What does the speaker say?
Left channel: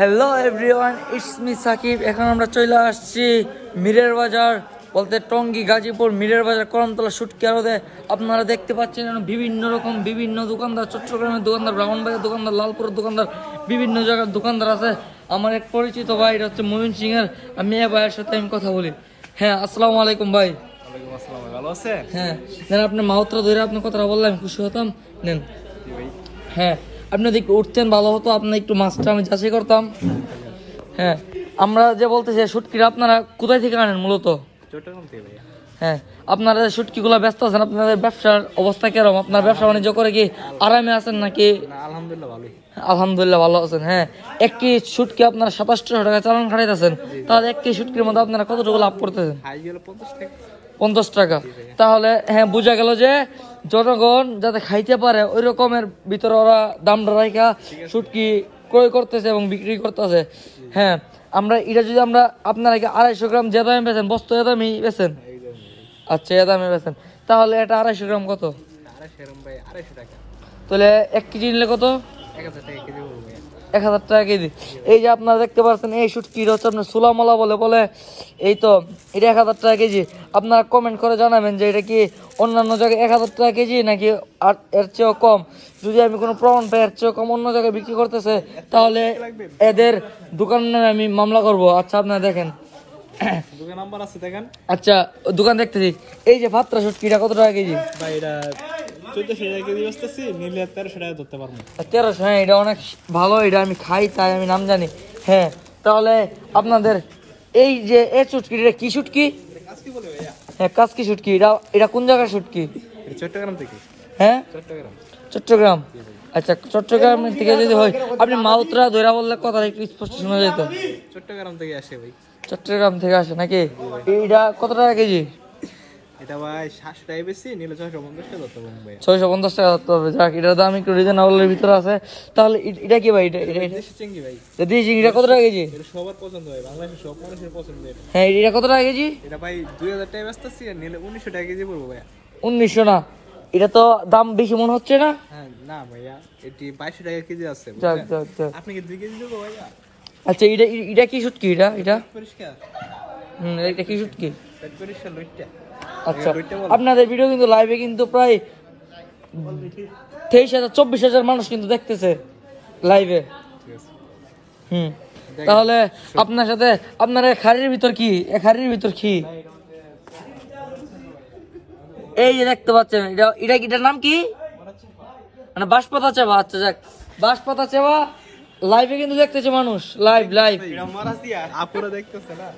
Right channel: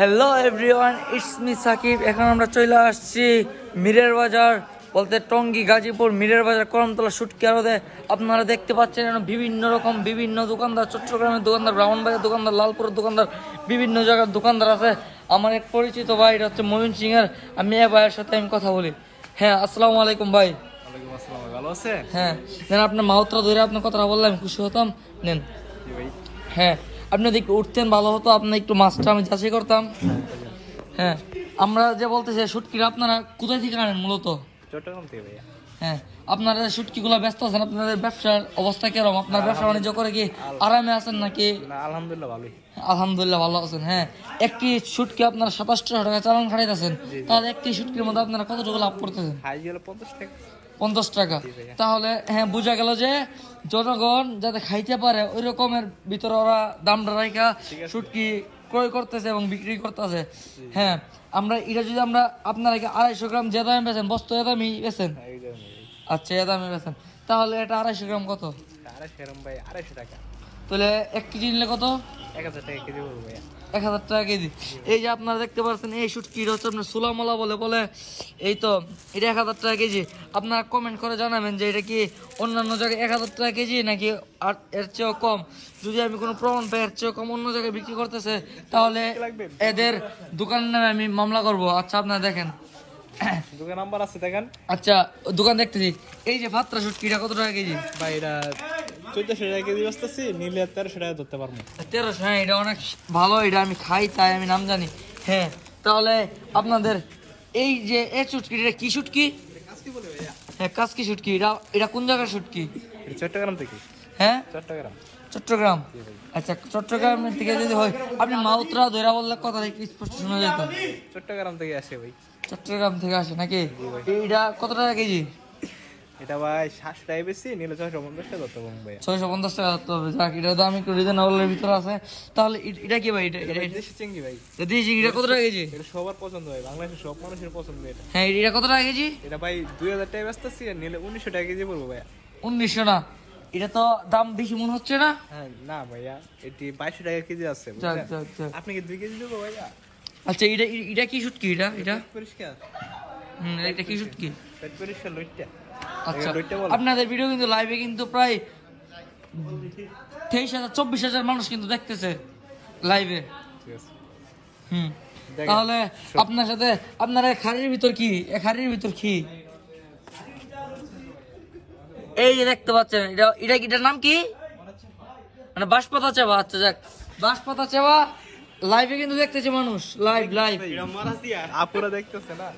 Hello everyone, it's me Sakib. এখন আমরা চলে আসছি মিরের বাজার, বলতে টঙ্গী, গাজীপুর মিরের বাজার, করমতলা, শুটকি আড়তে। আপনারা দেখতে পাচ্ছেন বিভিন্ন রকম বিভিন্ন দোকানদার, চট্টগ্রামের দোকানদার, ব্রাহ্মণবাড়িয়ার দোকানদার, লালপুরের দোকানদার, বিভিন্ন জায়গার দোকানদার আছে। আমার এক পরিচিত ভাই, এটা হচ্ছে মমিন সিং এর। আমি এ ভাইয়ের সাথে আমি কথা বলি। হ্যাঁ, আসসালামু আলাইকুম ভাই। ওয়ালাইকুম আসসালাম, ভালো আছে? হ্যাঁ, নেন আপনার মাউথটা ধরে আপনার কথাটা বললাম, খুশি হতাম। নেন। হ্যাঁ, আপনি দেখতে উঠতেন ভালো হতো, আপনার একটু মাছটা আমি যাচাই করতাম। হ্যাঁ, আমরা যে বলতেছি শুটকিরা আপনারা কোথায় থেকে আনেন মূলত? চট্টগ্রাম থেকে ভাইয়া। হ্যাঁ, আপনারা শুটকিগুলো ব্যস্ত আছেন, আপনাদের ব্যবসার অবস্থা কেরকম? আপনার ব্যবসা বাণিজ্য করে কি আরামে আছেন নাকি? আলহামদুলিল্লাহ ভালোই। আলহামদুলিল্লাহ ভালো আছেন। হ্যাঁ, একটি শুটকি আপনারা 2700 টাকা চালান খাটাইতেছেন, তাহলে একটি শুটকির মধ্যে আপনারা কতটুকু লাভ করতেছেন? 50 টাকা। তাহলে হ্যাঁ, বোঝা গেল যে জনগণ যাতে খাইতে পারে ওই রকমের ভিতরে ওরা দামটা রাখা শুটকি ক্রয় করতেছে এবং বিক্রি করতেছে। হ্যাঁ, আমরা এটা যদি আমরা আপনারা 250 গ্রাম যে দামে বেচেন, বস্তু এ দামে বেচেন? আচ্ছা, এ দামে বেচেন। তাহলে এটা 250 গ্রাম কত? 250 টাকা। তাহলে 1 কেজি নিলে কত? 1000 টাকা কেজি পড়বে ভাইয়া। 1000 টাকা কেজি। এই যে আপনারা দেখতে পাচ্ছেন এই শুটকিটা হচ্ছে আপনার সুলামালা বলে এই তো এটা 1000 টাকা কেজি। আপনারা কমেন্ট করে জানাবেন যে এটা কি অন্যান্য জায়গায় 1000 টাকা কেজি নাকি আর এর চেয়েও কম। যদি আমি কোনো প্রমাণ পাই এর চেয়েও কম অন্য জায়গায় বিক্রি করতেছে, তাহলে এদের দোকানের নামে আমি মামলা করব। আচ্ছা, আপনারা দেখেন দোকান নাম্বার আছে দেখেন। আচ্ছা, দোকান দেখতেছি। এই যে পাত্রা শুটকিটা কত টাকা কেজি? ভাই এটা 1400 টাকা কেজি বসতেছি, নিলে 1300 টাকা ধরতে পারবো। 1300? হ্যাঁ, এটা অনেক ভালো, এটা আমি খাই তাই আমি নাম জানি। হ্যাঁ, তাহলে আপনাদের এই যে এই শুটকিটা কি শুটকি? কাজকি বলে ভাইয়া। হ্যাঁ, কাজকি শুটকি। এটা কোন জায়গার শুটকি? এটা চট্টগ্রাম থেকে। হ্যাঁ, চট্টগ্রাম। চট্টগ্রাম। আচ্ছা, চট্টগ্রাম থেকে যদি হয়, আপনি মাউতরা ধরা বললে কথা একটু স্পষ্ট শোনা যেত। চট্টগ্রাম থেকে আসে ভাই। চট্টগ্রাম থেকে আসে নাকি? এইটা কত টাকা কেজি? এটা ভাই 700 টাকা বেশি, নিলে 650 টাকা ধরতে পারবো ভাইয়া। 650 টাকা ধরতে হবে। যাক, এটার দাম একটু রিজনেবলের ভিতরে আছে। তাহলে এটা কি ভাই? এটা দেশি চিংড়ি ভাই। দেশি চিংড়িটা কত টাকা কেজি? এটা সবার পছন্দ ভাই, বাংলাদেশের সব মানুষের পছন্দ এটা। হ্যাঁ, এটা কত টাকা কেজি? এটা ভাই 2000 টাকা বেচতেছি, আর নিলে 1900 টাকা কেজি পড়বো ভাইয়া। 1900 না? এটা তো দাম বেশি মনে হচ্ছে না? হ্যাঁ না ভাইয়া, এটি 2200 টাকা কেজি আছে। আপনি কি 2 কেজি দেবো ভাইয়া? আচ্ছা, এটা কি শুটকি? এটা পরিষ্কার। এটা কি শুটকি? পেট পরিষ্কার লইট্টা। আচ্ছা, আপনাদের ভিডিও কিন্তু লাইভে কিন্তু প্রায় 23,000-24,000 মানুষ কিন্তু দেখতেছে লাইভে। তাহলে আপনার সাথে আপনার খাড়ির ভিতর কি? এই যে দেখতে পাচ্ছেন, এটার নাম কি? মানে বাঁশপাতা চাবা। আচ্ছা, যাক, বাঁশপাতা চাবা লাইভে কিন্তু দেখতেছে মানুষ। লাইভ আপনারা দেখতেছে না?